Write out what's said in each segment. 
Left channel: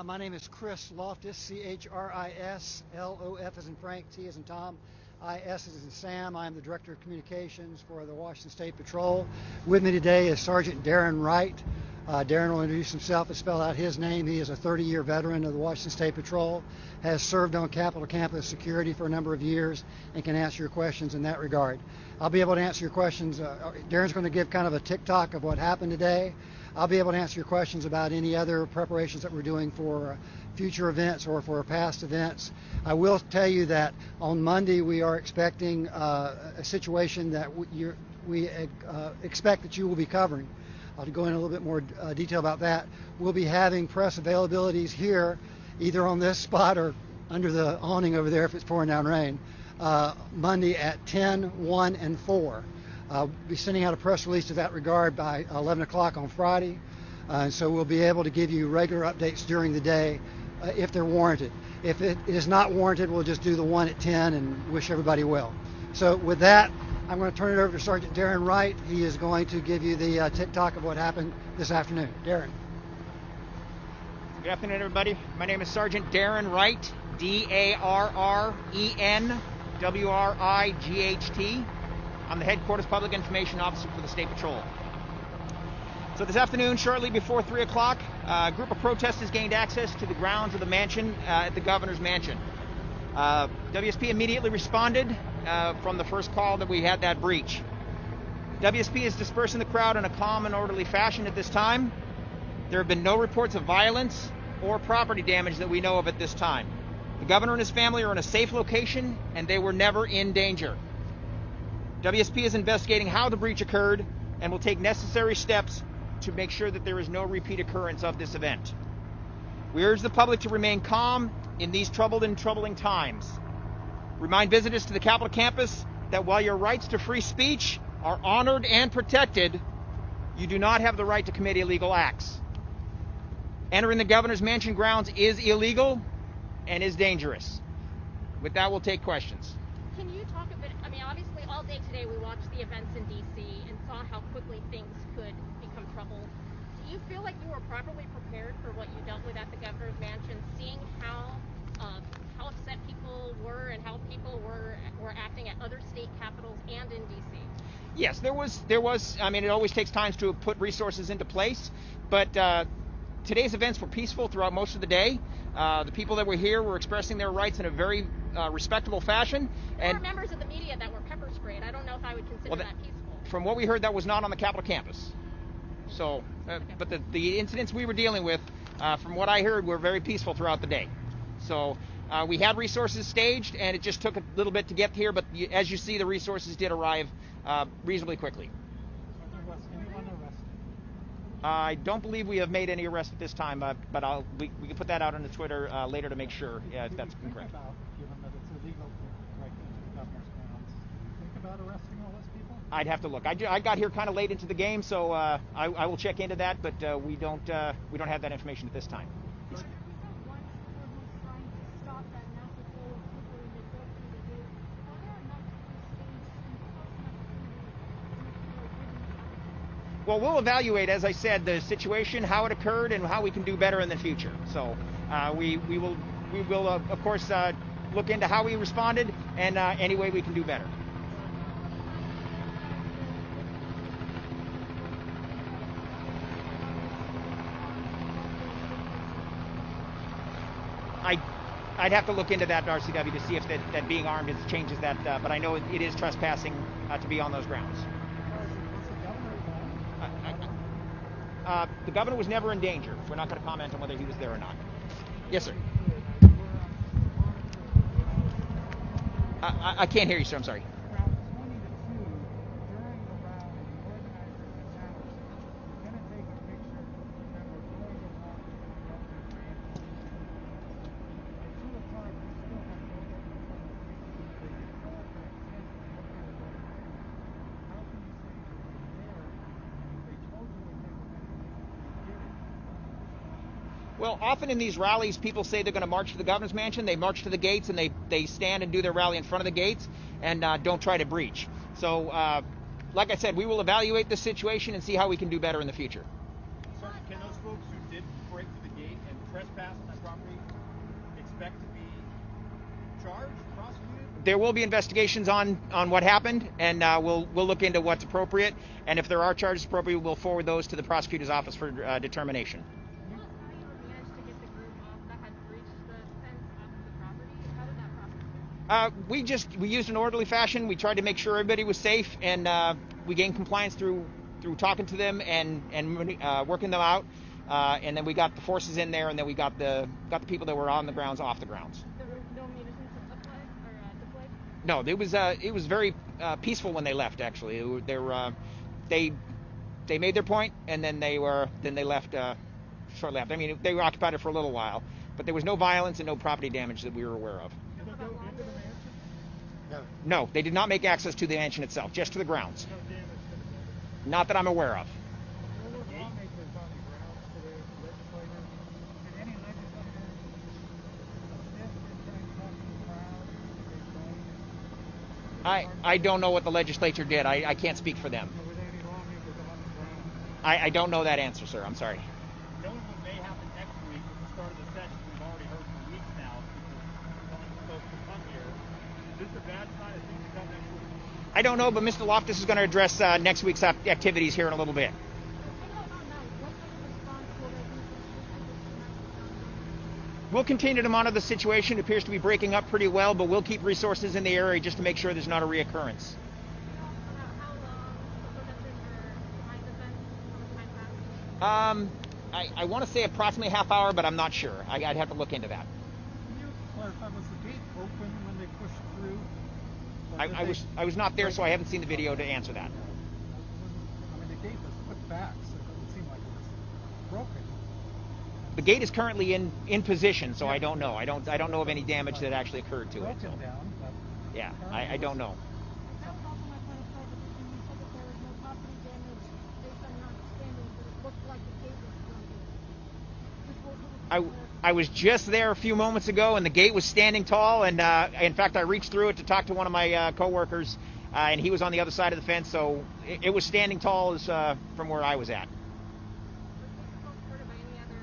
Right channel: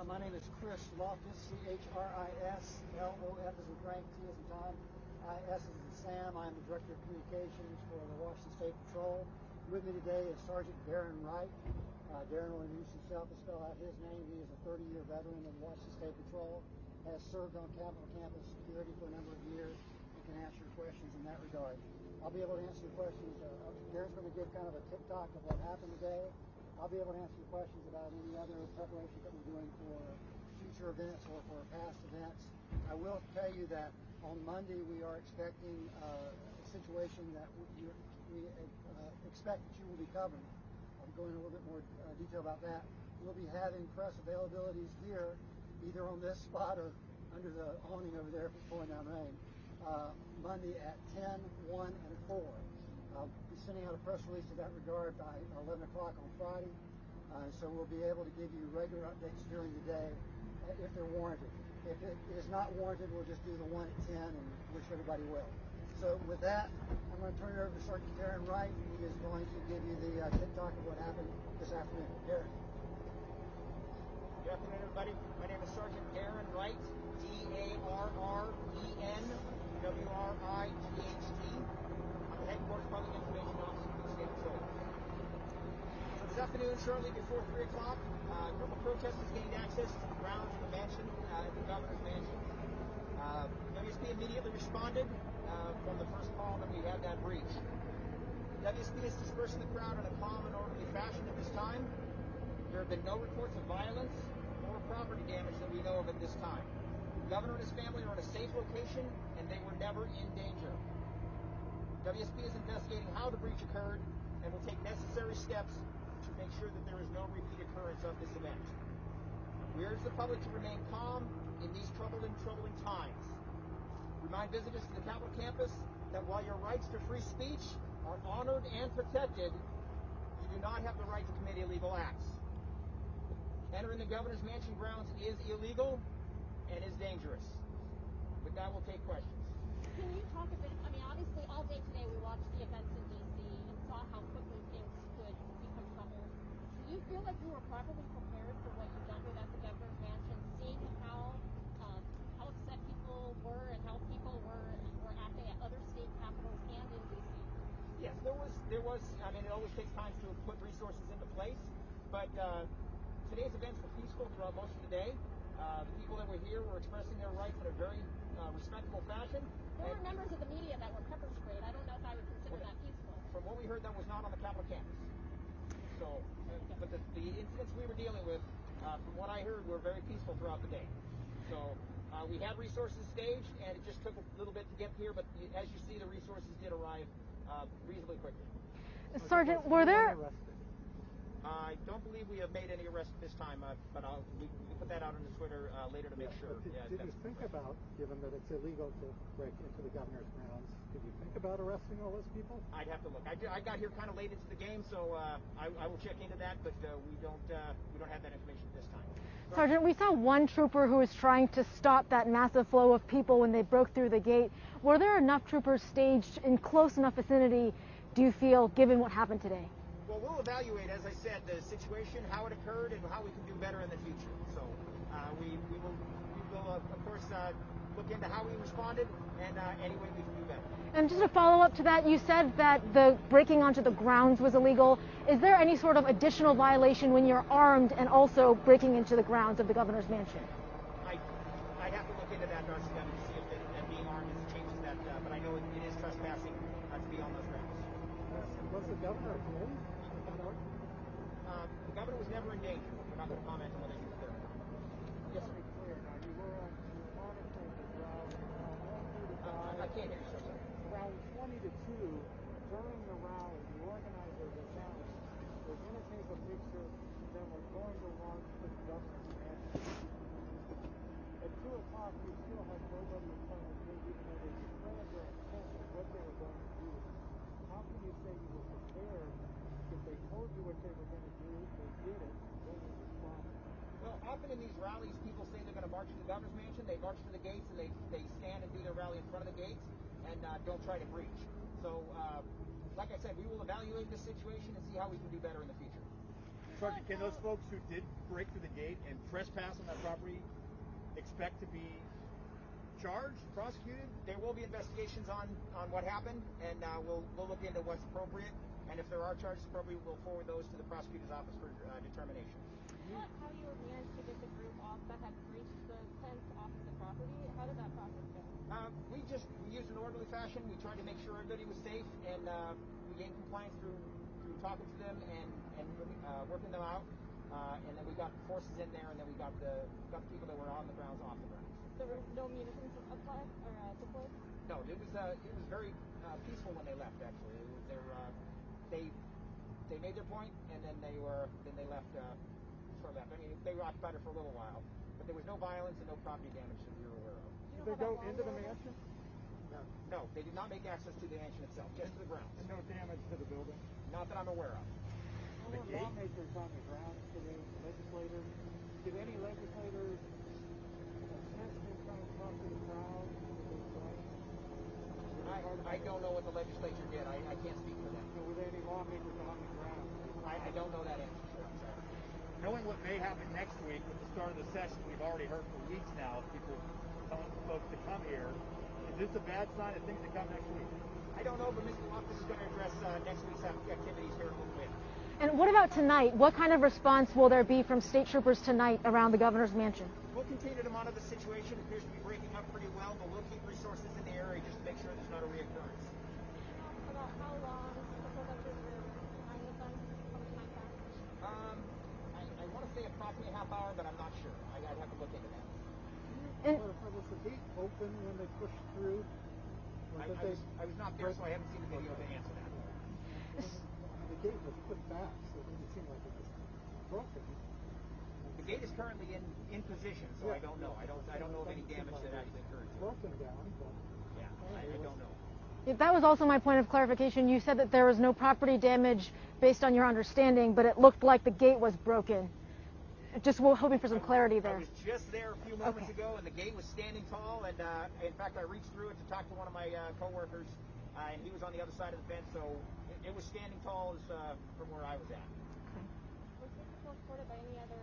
My name is Chris Loftus, Chris, Lof as in Frank, T as in Tom, IS as in Sam. I'm the Director of Communications for the Washington State Patrol. With me today is Sergeant Darren Wright. Darren will introduce himself and spell out his name. He is a 30-year veteran of the Washington State Patrol, has served on Capitol Campus security for a number of years, and can answer your questions in that regard. I'll be able to answer your questions. Darren's going to give kind of a tick-tock of what happened today. I'll be able to answer your questions about any other preparations that we're doing for future events or for past events. I will tell you that on Monday we are expecting a situation that we expect that you will be covering. I'll go in a little bit more detail about that. We'll be having press availabilities here, either on this spot or under the awning over there if it's pouring down rain, Monday at 10, 1, and 4. I'll be sending out a press release to that regard by 11 o'clock on Friday, and so we'll be able to give you regular updates during the day if they're warranted. If it is not warranted, we'll just do the one at 10 and wish everybody well. So with that, I'm going to turn it over to Sergeant Darren Wright. He is going to give you the tick-tock of what happened this afternoon. Darren. Good afternoon, everybody. My name is Sergeant Darren Wright, DARRENWRIGHT. I'm the Headquarters Public Information Officer for the State Patrol. So this afternoon, shortly before 3 o'clock, a group of protesters gained access to the grounds of the mansion at the governor's mansion. WSP immediately responded from the first call that we had that breach. WSP is dispersing the crowd in a calm and orderly fashion at this time. There have been no reports of violence or property damage that we know of at this time. The governor and his family are in a safe location, and they were never in danger. WSP is investigating how the breach occurred and will take necessary steps to make sure that there is no repeat occurrence of this event. We urge the public to remain calm in these troubled and troubling times. Remind visitors to the Capitol campus that while your rights to free speech are honored and protected, you do not have the right to commit illegal acts. Entering the governor's mansion grounds is illegal and is dangerous. With that, we'll take questions. Can you talk a bit, obviously all day today we watched the events in D.C. and saw how quickly things could become trouble. Do you feel like you were properly prepared for what you dealt with at the governor's mansion, seeing how upset people were and how people were acting at other state capitals and in D.C.? Yes, there was. It always takes time to put resources into place, but today's events were peaceful throughout most of the day. The people that were here were expressing their rights in a very respectable fashion. There were members of the media that were pepper sprayed. I don't know if I would consider that peaceful. From what we heard, that was not on the Capitol campus. So, but the incidents we were dealing with, from what I heard, were very peaceful throughout the day. So we had resources staged, and it just took a little bit to get here, but as you see, the resources did arrive reasonably quickly. Sergeant, were there... I don't believe we have made any arrests at this time, but we can put that out on the Twitter later to make sure if that's correct. Given that it's illegal to break into the governor's grounds, did you think about arresting all those people? I'd have to look. I got here kind of late into the game, so I will check into that, but we don't have that information at this time. Sergeant, we saw one trooper who was trying to stop that massive flow of people when they broke through the gate. Were there enough troopers staged in close enough vicinity, do you feel, given what happened today? Well, we'll evaluate, as I said, the situation, how it occurred, and how we can do better in the future. So we will of course look into how we responded and any way we can do better. And just a follow-up to that, you said that the breaking onto the grounds was illegal. Is there any sort of additional violation when you're armed and also breaking into the grounds of the governor's mansion? I'd have to look into that, RCW, to see if that being armed changes that, but I know it is trespassing to be on those grounds. The governor was never in danger. We're not going to comment on whether he was there or not. Yes, sir. I can't hear you, sir. I'm sorry. Around 20 to 2, during the rally, the organizers announced we're going to take a picture, then we're going to walk to the governor's mansion. At 2 o'clock, we still had nobody in front of the picture because they didn't know that hint of what they were going to do. How can you say you were prepared if they told you what they were going to do and they did it? Well, often in these rallies, people say they're going to march to the governor's mansion. They march to the gates and they stand and do their rally in front of the gates and don't try to breach. So, like I said, we will evaluate the situation and see how we can do better in the future. Sergeant, can those folks who did break through the gate and trespass expect to be charged, prosecuted? There will be investigations on what happened, and we'll look into what's appropriate. And if there are charges appropriate, we'll forward those to the prosecutor's office for determination. Tell us how you managed to get the group off that had breached the fence off of the property. How did that process go? We used an orderly fashion. We tried to make sure everybody was safe, and we gained compliance through talking to them and working them out. And then we got the forces in there, and then we got the people that were on the grounds off the grounds. There were no munitions applied or deployed? No, it was very peaceful when they left. Actually, they made their point, and then they left shortly after. I mean, they were occupied it for a little while, but there was no violence and no property damage that we were aware of. Did they go into the mansion? No, they did not make access to the mansion itself, just to the grounds. No damage to the building? Not that I'm aware of. There were lawmakers on the grounds today, legislators. Did any legislators assist in trying to talk to the crowd? Did they join? I don't know what the legislature did. I can't speak for them. Or were there any lawmakers on the ground? I don't know that answer, sir. I'm sorry. Knowing what may happen next week at the start of the session, we've already heard for weeks now people telling folks to come here. Is this a bad sign of things to come next week? I don't know, but Mr. Loftus is going to address next week's activities here in a little bit. And what about tonight? What kind of response will there be from state troopers tonight around the governor's mansion? We'll continue to monitor the situation. It appears to be breaking up pretty well, but we'll keep resources in the area just to make sure there's not a reoccurrence. About how long the protesters were behind the fence? How much time passed? I want to say approximately a half hour, but I'm not sure. I'd have to look into that. Can you clarify, was the gate open when they pushed through? Or did they- I was not there, so I haven't seen the video to answer that. I mean, the gate was put back, so it doesn't seem like it was broken. The gate is currently in position, so I don't know. I don't know of any damage that actually occurred to it. So. Broken down, but Yeah, I don't know. That was also my point of clarification. You said that there was no property damage based on your understanding, but it looked like the gate was broken. Just hoping for some clarity there. I was just there a few moments ago, and the gate was standing tall. And in fact, I reached through it to talk to one of my coworkers, and he was on the other side of the fence, so it was standing tall as from where I was at. Was this supported by any other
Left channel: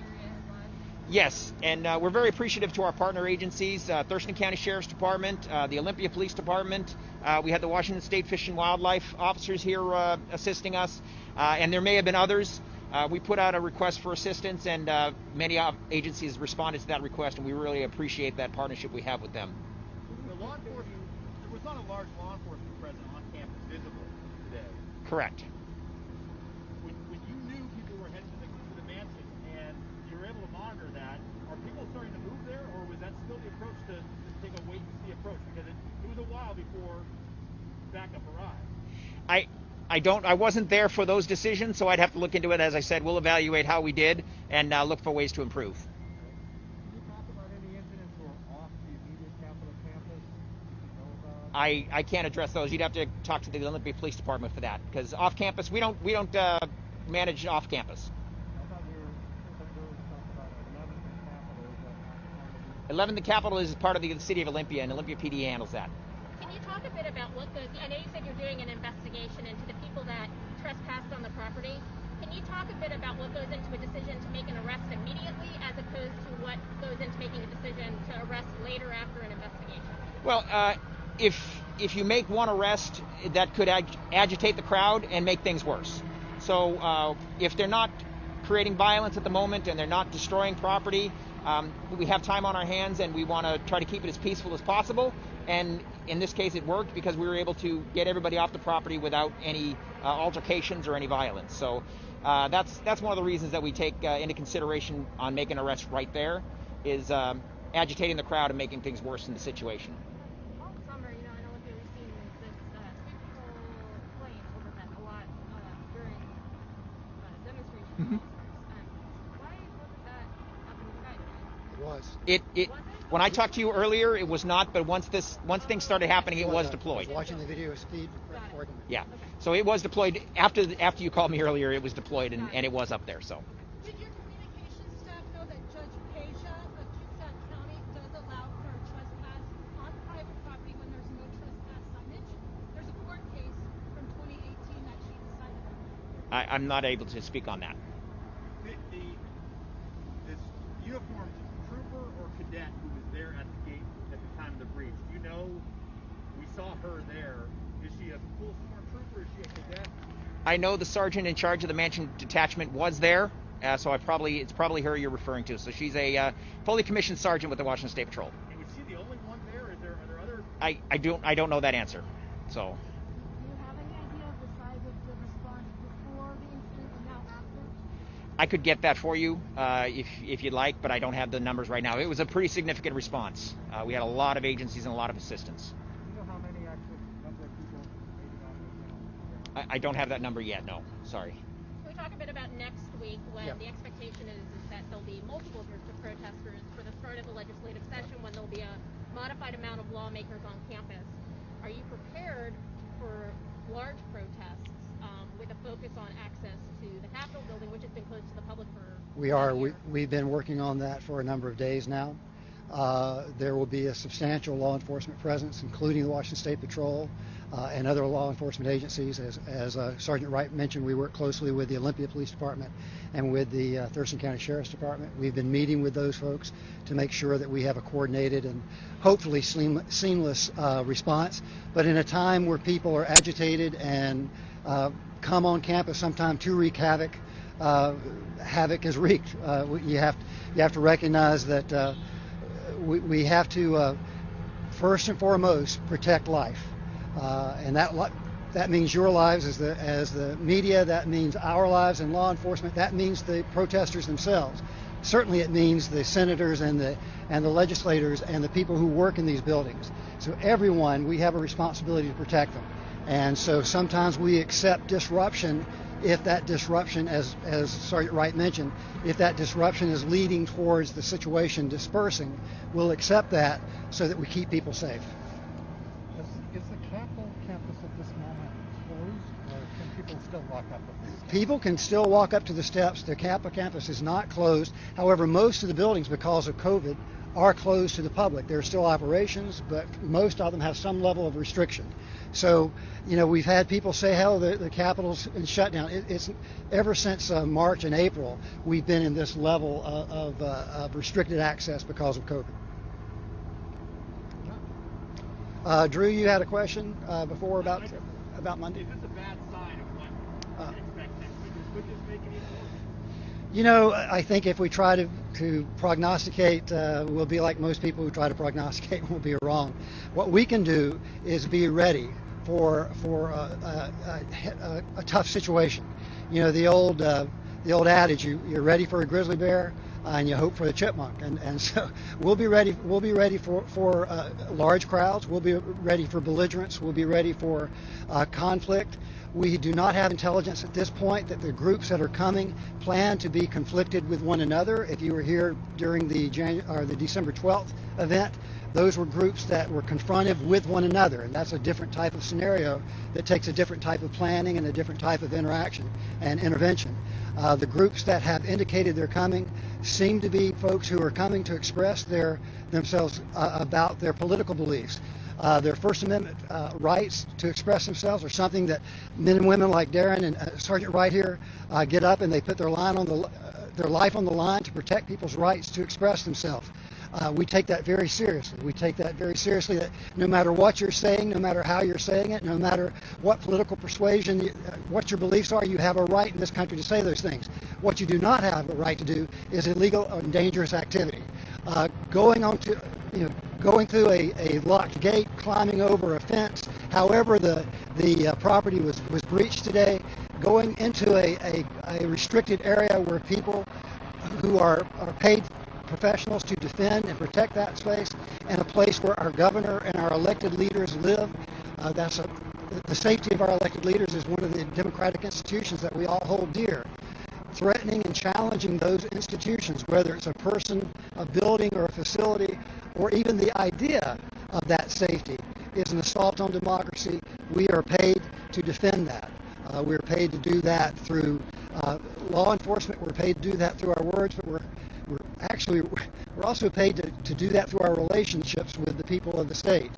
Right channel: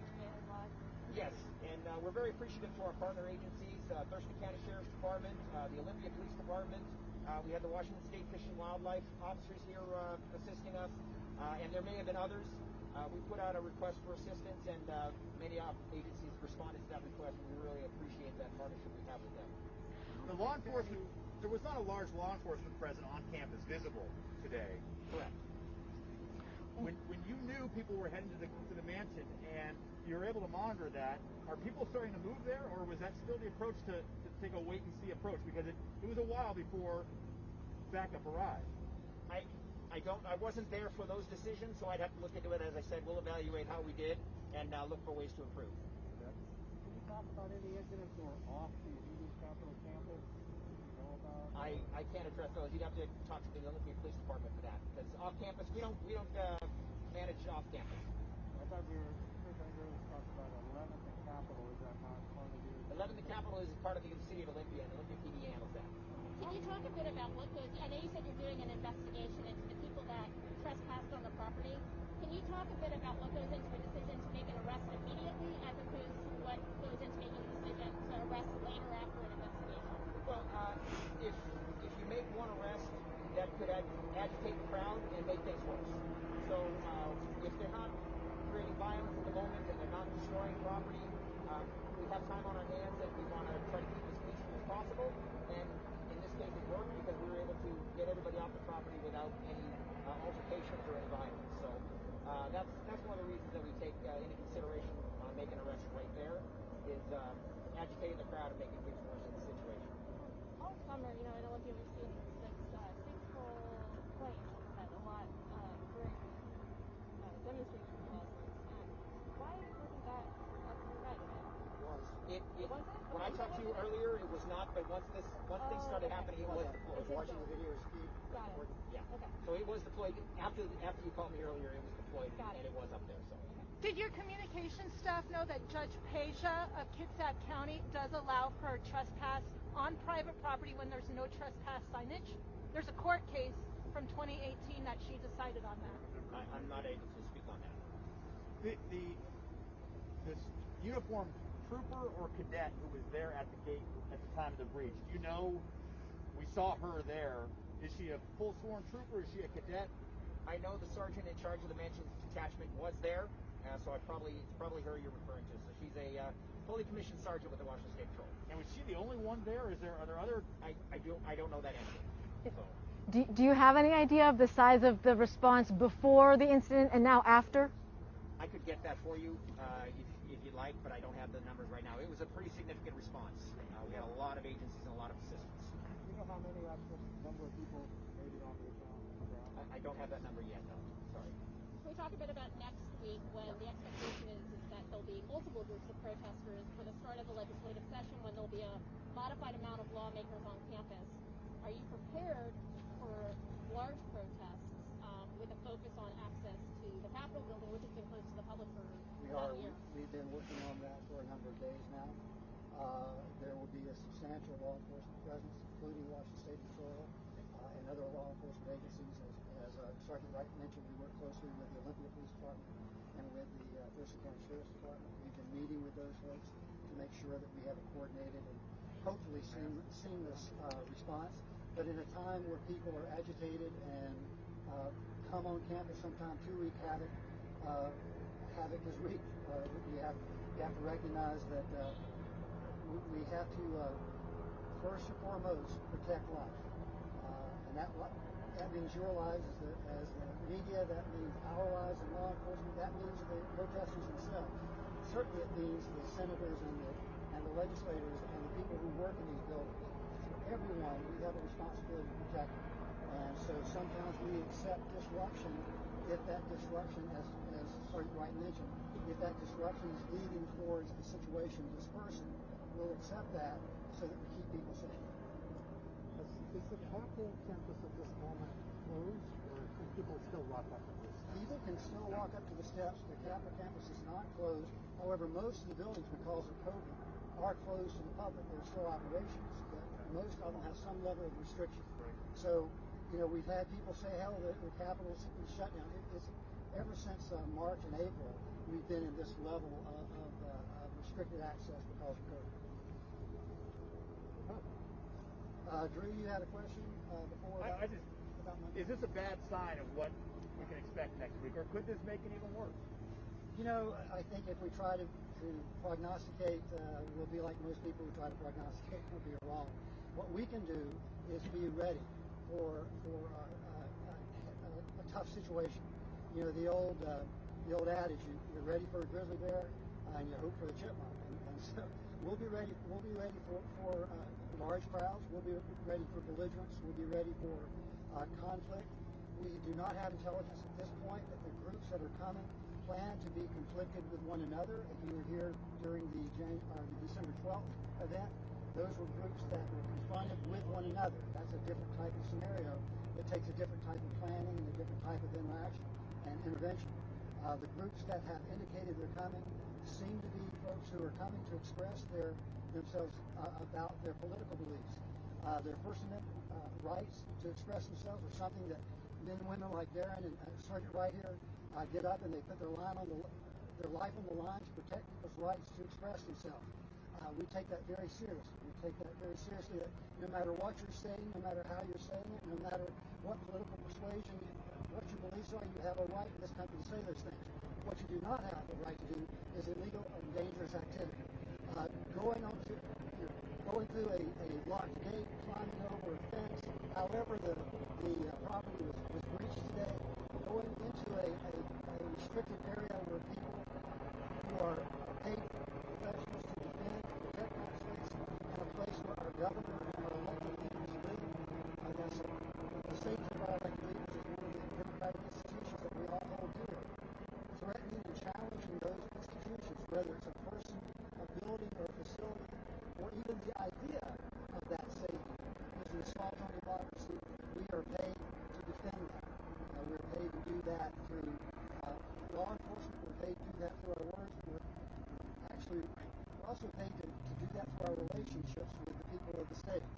area involved? Yes, and we're very appreciative to our partner agencies, Thurston County Sheriff's Department, the Olympia Police Department. We had the Washington State Fish and Wildlife officers here assisting us, and there may have been others. We put out a request for assistance, and many agencies responded to that request, and we really appreciate that partnership we have with them. The law enforcement, there was not a large law enforcement presence on campus visible today. Correct. When you knew people were heading to the mansion and you were able to monitor that, are people starting to move there, or was that still the approach to take a wait and see approach? Because it was a while before backup arrived. I wasn't there for those decisions, so I'd have to look into it. As I said, we'll evaluate how we did and look for ways to improve. Can you talk about any incidents who are off the immediate Capitol campus that you know about? I can't address those. You'd have to talk to the Olympia Police Department for that, because off campus we don't manage off campus. I thought there was talk about 11th and Capitol. Is that not part of the... 11th Capitol is part of the city of Olympia, and Olympia PD handles that. Can you talk a bit about what goes? I know you said you're doing an investigation into the people that trespassed on the property. Can you talk a bit about what goes into a decision to make an arrest immediately, as opposed to what goes into making a decision to arrest later after an investigation? Well, if you make one arrest, that could agitate the crowd and make things worse. So if they're not creating violence at the moment and they're not destroying property, we have time on our hands, and we want to try to keep it as peaceful as possible. And in this case, it worked because we were able to get everybody off the property without any altercations or any violence. So that's one of the reasons that we take into consideration on making arrests right there, is agitating the crowd and making things worse in the situation. All summer, in Olympia, we've seen this state patrol plane overhead a lot during demonstrations of all sorts. Why isn't that up in the sky today? It was. It when I talked to you earlier, it was not, but once things started happening, it was deployed. I was watching the video feed recording. Yeah. Okay. So it was deployed after you called me earlier. It was deployed, and it was up there. So. Did your communications staff know that Judge Peja of Kitsap County does allow for trespass on private property when there's no trespass signage? There's a court case from 2018 that she decided on that. I'm not able to speak on that. This uniformed trooper or cadet who was there at the gate at the time of the breach? Do you know? We saw her there. Is she a full sworn trooper? Is she a cadet? I know the sergeant in charge of the Mansion detachment was there, so it's probably her you're referring to. So she's a fully commissioned sergeant with the Washington State Patrol. And was she the only one there? Are there other? I don't know that answer. So. Do you have any idea of the size of the response before the incident and now after? I could get that for you if you'd like, but I don't have the numbers right now. It was a pretty significant response. We had a lot of agencies and a lot of assistance. Do you know how many actual number of people made it out right now? I don't have that number yet, no. Sorry. Can we talk a bit about next week when the expectation is that there'll be multiple groups of protesters for the start of the legislative session, when there'll be a modified amount of lawmakers on campus. Are you prepared for large protests with a focus on access to the Capitol building, which has been closed to the public for We are. We've been working on that for a number of days now. There will be a substantial law enforcement presence, including the Washington State Patrol and other law enforcement agencies. As Sergeant Wright mentioned, we work closely with the Olympia Police Department and with the Thurston County Sheriff's Department. We've been meeting with those folks to make sure that we have a coordinated and hopefully seamless response. But in a time where people are agitated and come on campus sometime to wreak havoc, havoc is wreaked. You have to recognize that we have to first and foremost protect life, and that means your lives as the media. That means our lives and law enforcement. That means the protesters themselves. Certainly, it means the senators and the legislators and the people who work in these buildings. So everyone, we have a responsibility to protect them. And so sometimes we accept disruption if that disruption, as Sergeant Wright mentioned, if that disruption is leading towards the situation dispersing, we'll accept that so that we keep people safe. Is the Capitol campus at this moment closed, or can people still walk up the steps? People can still walk up to the steps. The Capitol campus is not closed. However, most of the buildings, because of COVID, are closed to the public. There are still operations, but most of them have some level of restriction. So, we've had people say, hell, the Capitol's in shutdown. It's ever since March and April, we've been in this level of restricted access because of COVID. Drew, you had a question before about Monday? Is this a bad sign of what we can expect next week, or could this make it even worse? I think if we try to prognosticate, we'll be like most people who try to prognosticate and we'll be wrong. What we can do is be ready for a tough situation. The old adage, you're ready for a grizzly bear and you hope for the chipmunk, and so we'll be ready for large crowds. We'll be ready for belligerence. We'll be ready for conflict. We do not have intelligence at this point that the groups that are coming plan to be conflicted with one another. If you were here during the December 12th event, those were groups that were confronted with one another, and that's a different type of scenario that takes a different type of planning and a different type of interaction and intervention. The groups that have indicated they're coming seem to be folks who are coming to express themselves about their political beliefs. Their First Amendment rights to express themselves are something that men and women like Darren and Sergeant Wright here get up and they put their life on the line to protect people's rights to express themselves. We take that very seriously. We take that very seriously, that no matter what you're saying, no matter how you're saying it, no matter what political persuasion, what your beliefs are, you have a right in this country to say those things. What you do not have a right to do is illegal and dangerous activity. Going through a locked gate, climbing over a fence, however the property was breached today, going into a restricted area where people who are paid professionals to defend and protect that space, and a place where our governor and our elected leaders live. The safety of our elected leaders is one of the democratic institutions that we all hold dear. Threatening and challenging those institutions, whether it's a person, a building, or a facility, or even the idea of that safety, is an assault on democracy. We are paid to defend that. We're paid to do that through law enforcement. We're paid to do that through our words, but we're also paid to do that through our relationships with the people of the state.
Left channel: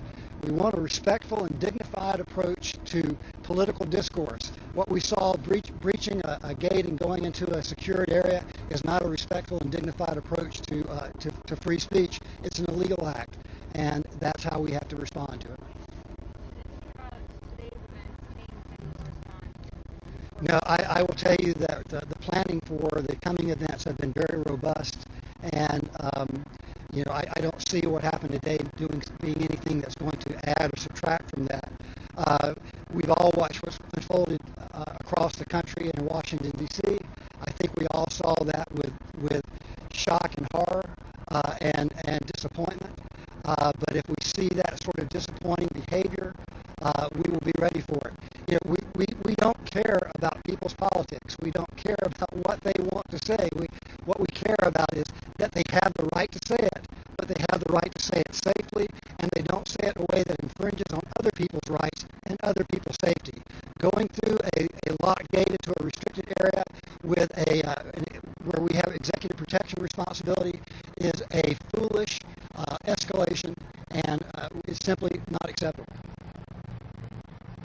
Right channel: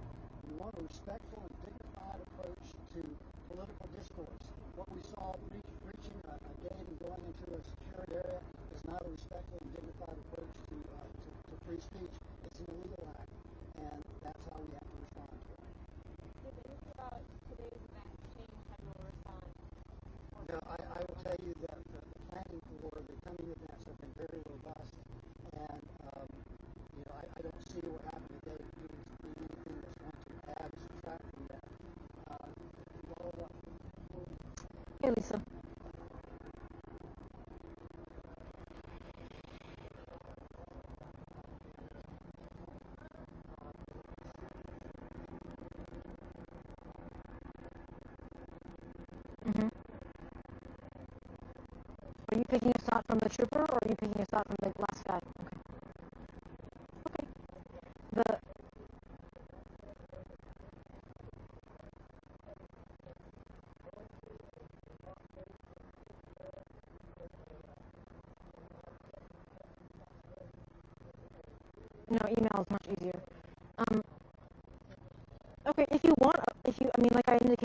We want a respectful and dignified approach to political discourse. What we saw breaching a gate and going into a secured area is not a respectful and dignified approach to free speech. It's an illegal act, and that's how we have to respond to it. No, I will tell you that the planning for the coming events have been very robust, and I don't see what happened today being anything that's going to add or subtract from that. We've all watched what's unfolded across the country and in Washington, D.C. I think we all saw that with shock and horror and disappointment. But if we see that sort of disappointing behavior, we will be ready for it. We don't care about people's politics. We don't care about what they want to say. What we care about is that they have the right to say it, but they have the right to say it safely, and they don't say it in a way that infringes on other people's rights and other people's safety. Going through a locked gate into a restricted area with where we have executive protection responsibility is a foolish escalation, and it's simply not acceptable. Okay, like I indicated